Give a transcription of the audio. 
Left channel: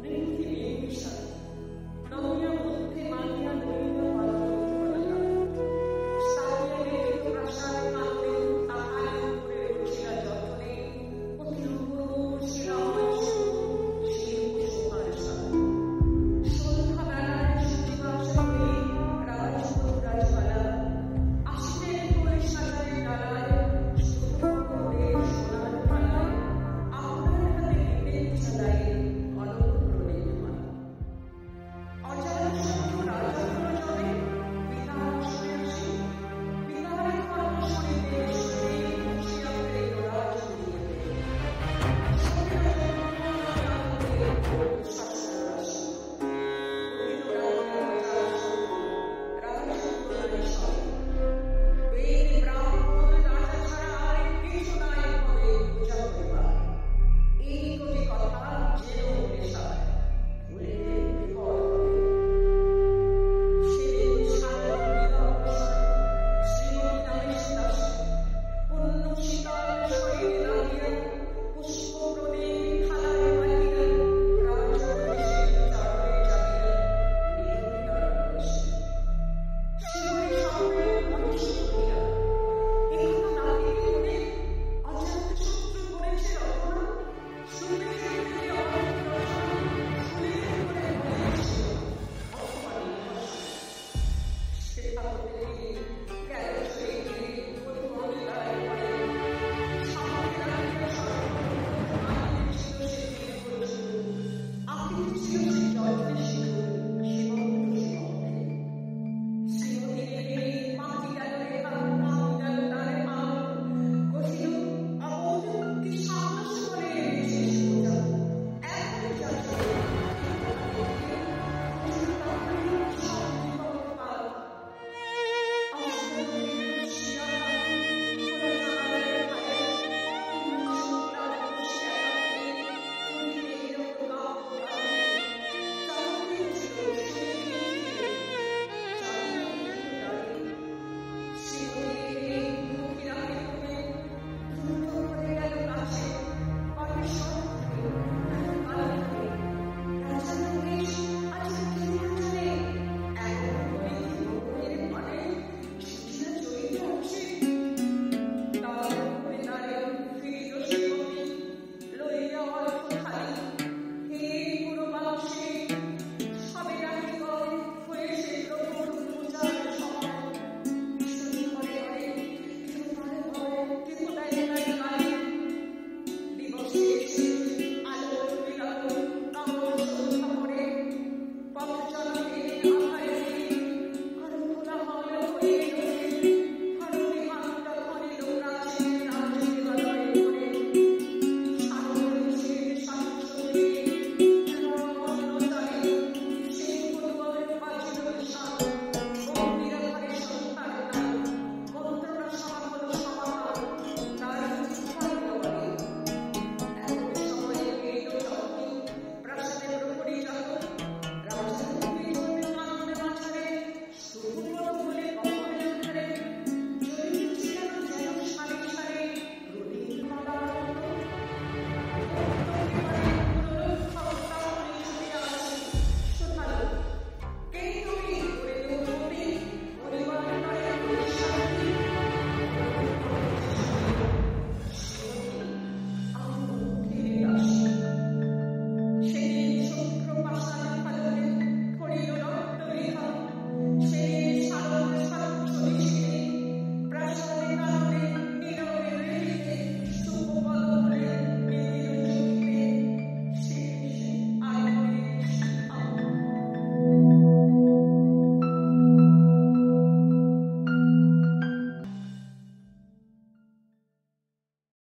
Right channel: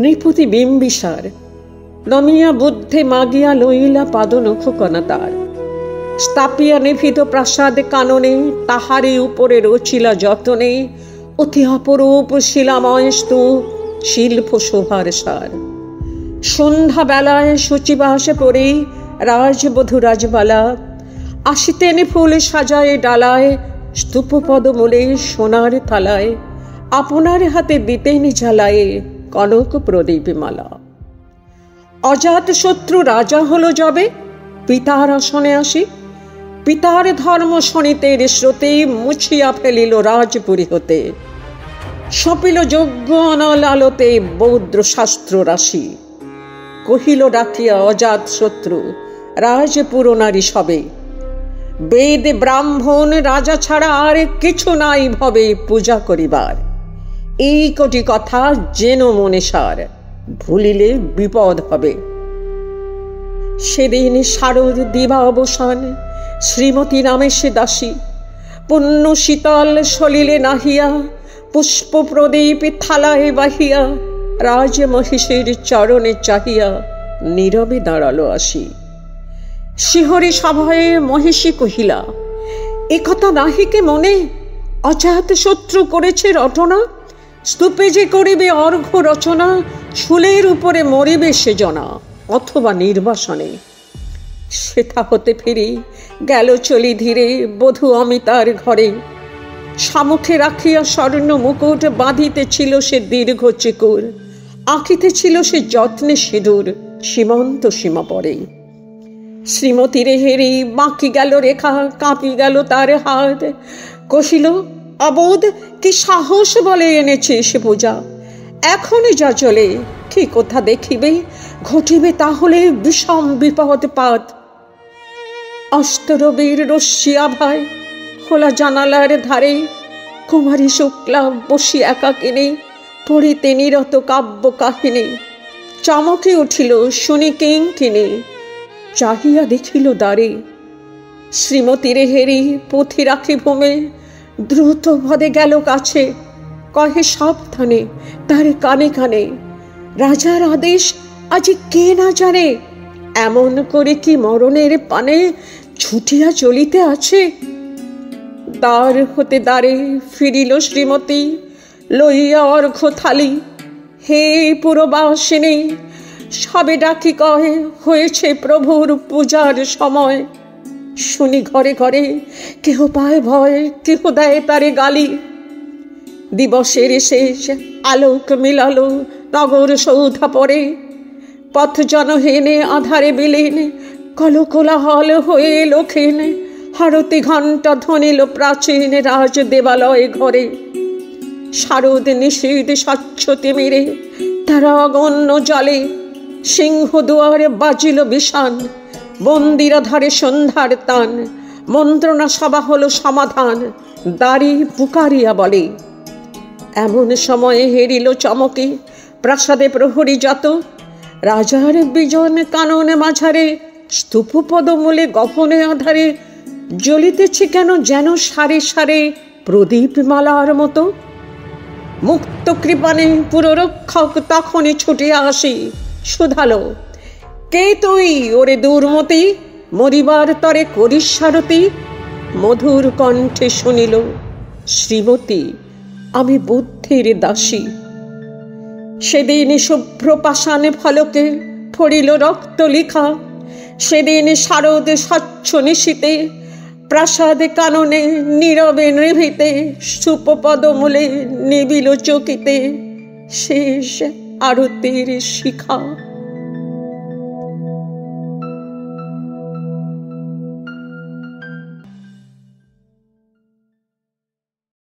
নৃপতি বিম্বিসার নমিয়া বুদ্ধে মাগিয়া লইলা পাদনখ কনাতার। স্থাপিয়া নিভৃত প্রাসাদ কাননে, তাহারে উপরে রচিলা যতনে অতি অপরূপ শিলাময় স্তূপ, শিল্প শোভার সার। সন্ধ্যা বেলায় সচিবাসে পড়ে রাজবধূ রাজবালা আসিতেন ফুল সাজায় ডালায়, স্তূপ পদমূলে সোনার থালায় আপনার হাতে দিতেন জ্বালায়ে কনক প্রদীপ মালা। অজাত শত্রু রাজা হলো যবে পিতার আসনে আসি, পিতার ধর্ম শনিতের স্রোতে মুছিয়া ফেলিল রাজপুরী হতে। সপিল যজ্ঞ অনল আলোতে বৌদ্র শাস্ত্র রাশি, কহিল ডাকিয়া অজাত শত্রু রাজপুর নারী সবে। বেদ ব্রাহ্মণ রাজা ছাড়া আর কিছু নাই ভবে পূজা করিবার। এই কটি কথা যেন মনে সার, ভুলিলে বিপদ হবে। সেদিন শারদ দিবা অবসান, শ্রীমতী নামে সে দাসী পুণ্য শীতল সলিলে নাহিয়া, পুষ্প প্রদীপ থালায় বাহিয়া রাজ মহিষের চরণে চাহিয়া নীরবে দাঁড়ালো আসি। শিহরি সভায় মহিষী কহিলা, একথা নাহিকে মনে, অজাত শত্রু করেছে রটনা। স্তূপে যে করিবে অর্ঘ্য রচনা, শুলের উপরে মরিবে সে জনা অথবা নির্বাসনে। সেথা হতে ফিরি গেল চলি ধীরে বধূ অমিতার ঘরে। সামুখে রাখিয়া স্বর্ণ মুকুট বাঁধিতেছিল সে দীর্ঘ চিকুর, আঁকিতেছিল সে যত্নে সিঁদুর সীমন্ত সীমা পরে। শ্রীমতীরে হেরি বাঁকি গেল রেখা, কাঁপি গেল তার হাত। কহিল, অবোধ কি সাহস বলে এনেছে সে পূজা। এখনই যা চলে কি কোথা দেখিবে, ঘটিবে তাহলে বিষম বিপদ পাত। অস্তরবীর রশ্মি আভায় খোলা জানালার ধারে কুমারী শুক্লা বসি একাকিনী পড়িতে নিরত কাব্য কাহিনী। চমকে উঠিল শুনি কিঙ্কিনী, চাহিয়া দেখিল দ্বারে। শ্রীমতীরে হেরি পুঁথি রাখি ভূমে, দ্রুত পদে গেল কাছে। কহে সাবধানে তার কানে কানে, রাজার আদেশ আজি কে না জানে। এমন করে কি মরণের পানে ছুটিয়া চলিতে আছে। দ্বার হতে দ্বারে ফিরিল শ্রীমতী লইয়া অর্ঘ্য থালি। হে পুরবাসিনী, সবে ডাকি কহে হয়েছে প্রভুর পূজার সময়। শুনি ঘরে ঘরে কেহ পায় ভয়, কেহ দেয় তারে গালি। দিবসের শেষ আলোক মিলালো নগর সৌধা পরে। পথ জনহীনে আধারে বিলীন কলকোলাহল হয়ে লোখেন। হারতি ঘণ্টা ধ্বনিল প্রাচীন রাজ দেবালয় ঘরে। শারদ নিষিদ্ধ স্বচ্ছ তিমিরে তারা অগণ্য জলে। সিংহ দুয়ারে বাজিল বিষান, মন্দিরা ধারে সন্ধ্যার তান। মন্ত্রণা সভা হলো সমাধান, দাঁড়ি পুকারিয়া বলে। এমন সময়ে হেরিল চমকে প্রাসাদে প্রহরী যত। রাজার বিজন কাননে মাঝারে, স্তূপ পদমূলে গহনে আধারে জ্বলিতেছে কেন যেন সারে সারে প্রদীপ মালার মতো। মুক্ত কৃপানে পুররক্ষক তখনই ছুটিয়া আসি শুধালো, কে তুই ওরে দুর্মতি, মরিবার তরে করিস সারতি। মধুর কণ্ঠে শুনিল, শ্রীমতী আমি বুদ্ধের দাসী। সেদিন শুভ্র পাষাণে ফলকে ফড়িল রক্ত লিখা। সেদিন শারদ স্বচ্ছ নিশীতে প্রাসাদ কাননে নীরবে নিভৃতে স্তূপ পদমূলে নিবিল চকিতে শেষ আরতির শিখা।